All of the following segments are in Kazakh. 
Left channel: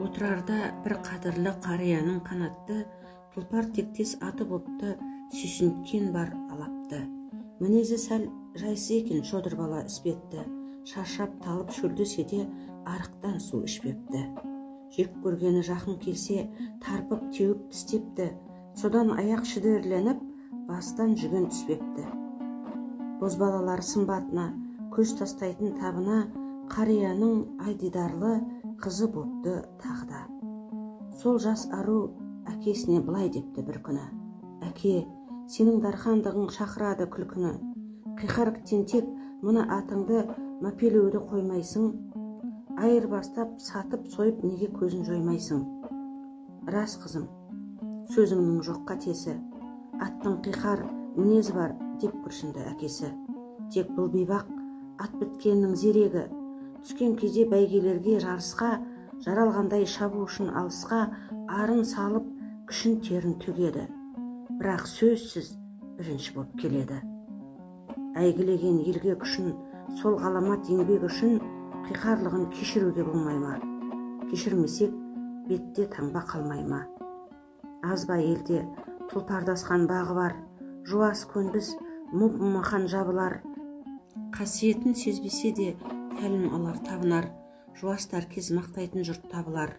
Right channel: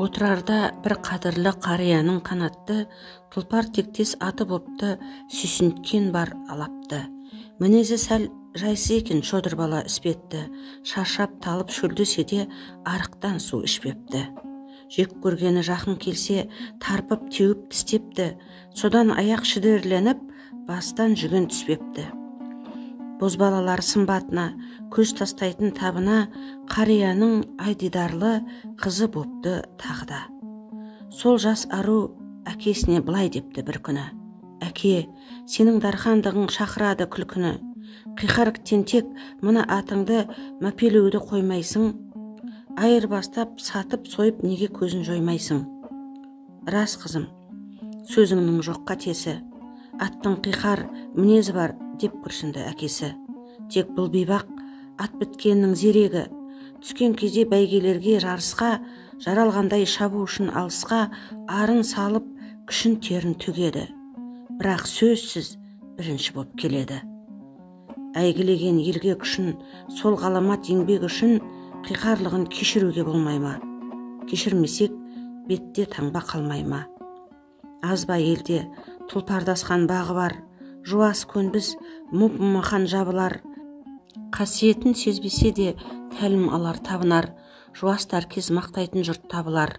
Отырарда бір қадірлі қарияның қанатты, тұлпар тектес аты бопты, сүйсінткен бар алапты. Мінезі сәл жайсы екен шодыр бала іспетті, шаршап талып шөлдесе де арықтан су ішпепті. Жек көргені жақын келсе, тарпып теуіп тістепті, содан аяқ шідерленіп, бастан жүген түспепті. Бозбалалар сымбатына, көз тастайтын табына, қарияның айдидарлы қызы бопты тағда. Сол жас ару әкесіне былай депті бір күні: «Әке, сенің дархандығың шақырады күлкіні. Қиқар тентек мына атыңды мәпелеуді қоймайсың. Айырбастап, сатып, сойып неге көзін жоймайсың?» «Рас қызым, сөзіңнің жоқ қатесі. Аттың қиқар мінезі бар», деп күрсінді әкесі. Тек бұл бейбақ ат біткеннің зерегі, түскен кезде бәйгелерге жарысқа, жаралғандай шабу үшін алысқа арын салып күшін терін түгеді. Бірақ сөзсіз бірінші боп келеді. Әйгілеген елге күшін, сол ғаламат еңбек үшін қиқарлығын кешіруге болмай ма? Кешірмесек бетте таңба қалмай ма? Аз ба елде тұлпардасқан бағы бар, жуас көнбіс мұп-мұмақан жабылар. Қасиетін сезбесе де тәлім алар табынар, жуастар кез мақтайтын жұрт табылар.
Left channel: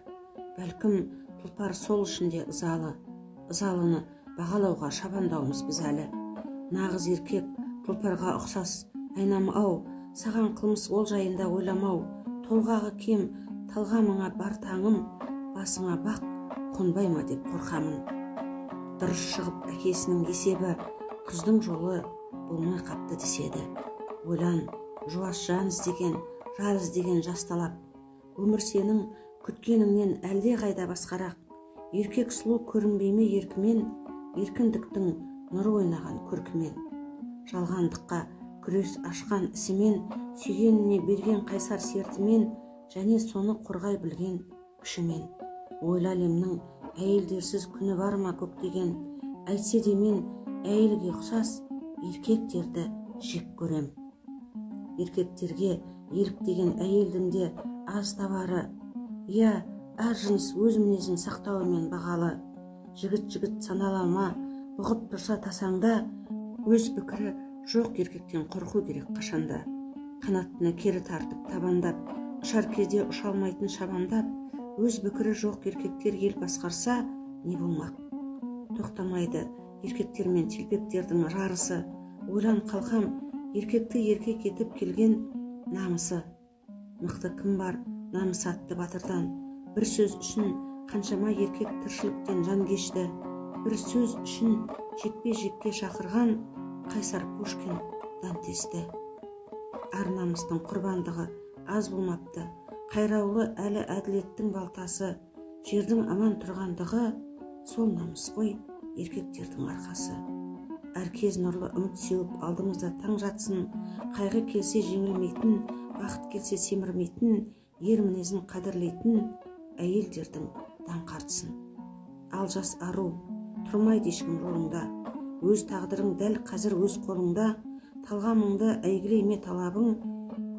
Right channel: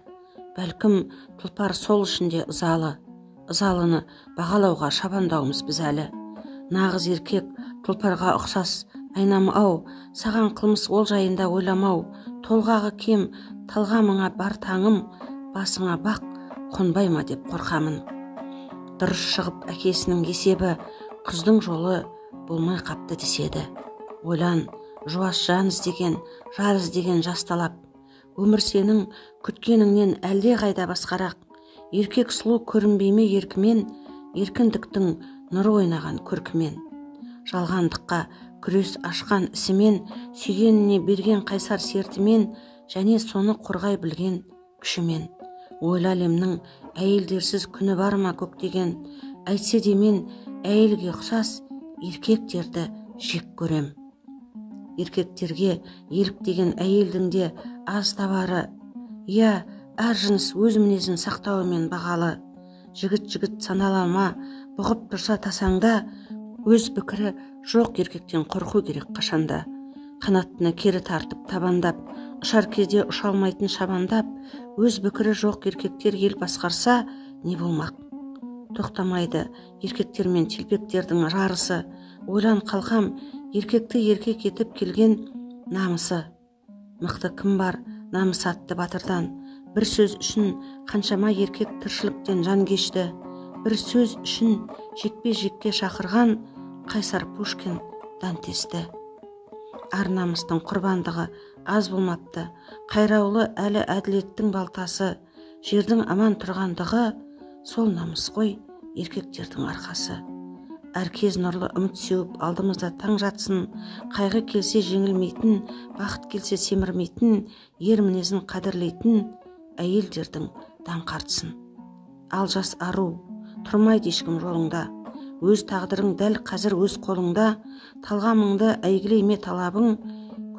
Бәлкім тұлпар сол ішінде ызалыны бағалауға шабандауымыз біз әлі. Нағыз еркек тұлпарға ұқсас айнамы-ау, саған қылмыс ол жайында ойламау. Толғағы кем талғамыңа бар таңым, басыңа бақ қонбай ма деп қорқамын. Дұрыс шығып әкесінің есебі, күздің жолы болмай қапты деседі. Ойлан, жуас жан іздеген, жар іздеген жасталап. Өмір сенің күткеніңнен әлде қайда басқарақ. Еркек сұлу көрінбейме еркімен, еркіндіктің нұры ойнаған көркімен. Жалғандыққа күрес ашқан ісімен, сүйгеніне берген қайсар сертімен, және соны қорғай білген күшімен. Ойлы әлемнің әйелдерсіз күні бар ма көктеген, әйтсе де мен әйелге ұқсас еркектерді жек көрем. Еркектерге еліктеген әйелдің де аз табары, я әр жыныс өз мінезін сақтауымен бағалы. Жігіт саналама, бұғып тұрса тасаңда, өз пікірі жоқ еркектен қорқу керек қашанда. Қанаттыны кері тартып табандап, ұшар кезде ұша алмайтын шабандап, өз пікірі жоқ еркектер ел басқарса не болмақ? Тоқтамайды еркектер мен телпектердің жарысы. Ойлан қалқам, еркекті еркек етіп келген намысы. Мықты кім бар намыс атты батырдан? Бір сөз үшін қаншама еркек тіршіліктен жан кешті. Бір сөз үшін жекпе-жекке шақырған қайсар Пушкин Дантесті. Ар намыстың құрбандығы аз болмапты. Қайраулы әлі әділеттің балтасы. Жердің аман тұрғандығы сол намыс қой еркектердің арқасы. Әркез нұрлы үміт сеуіп алдымызда таң жатсын. Қайғы келсе жеңілмейтін, бақыт келсе семірмейтін, ер мінезін қадірлейтін әйелдердің даңқартсын. Ал жас ару, тұрмайды ешкім жолыңда. Өз тағдырың дәл қазір өз қолыңда. Талғамыңды әйгілейме талабың,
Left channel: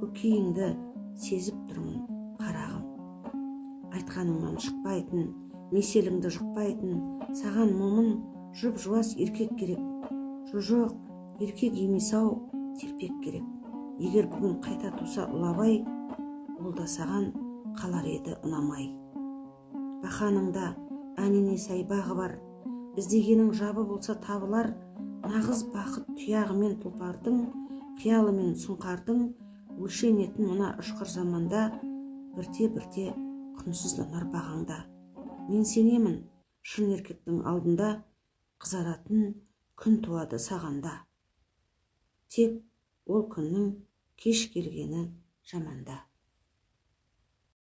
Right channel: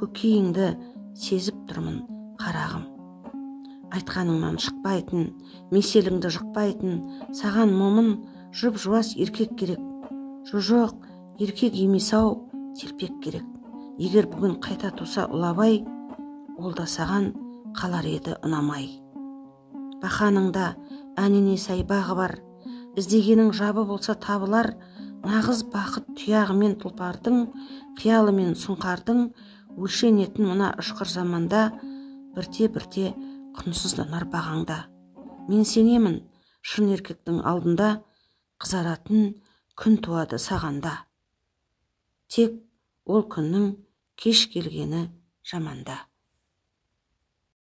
көкейіңді сезіп тұрмын қарағым. Айтқаныңнан шықпайтын, меселіңді жықпайтын, саған момын жұп жуас еркек керек. Жоқ, еркек емес-ау, телпек керек. Егер бүгін қайта туса ұлабай, ол да саған қалар еді ұнамай. Бақаныңда әніне сай бағы бар, іздегенің жабы болса табылар. Нағыз бақыт тұяғымен тұлпардың, қиялымен сұңқардың, өлшенетін мына ұшқыр заманда, бірте-бірте құнсызданар бағаңда. Мен сенемін, шын еркектің алдында қызаратын күн туады сағанда. Тек ол күннің кеш келгені жаманда.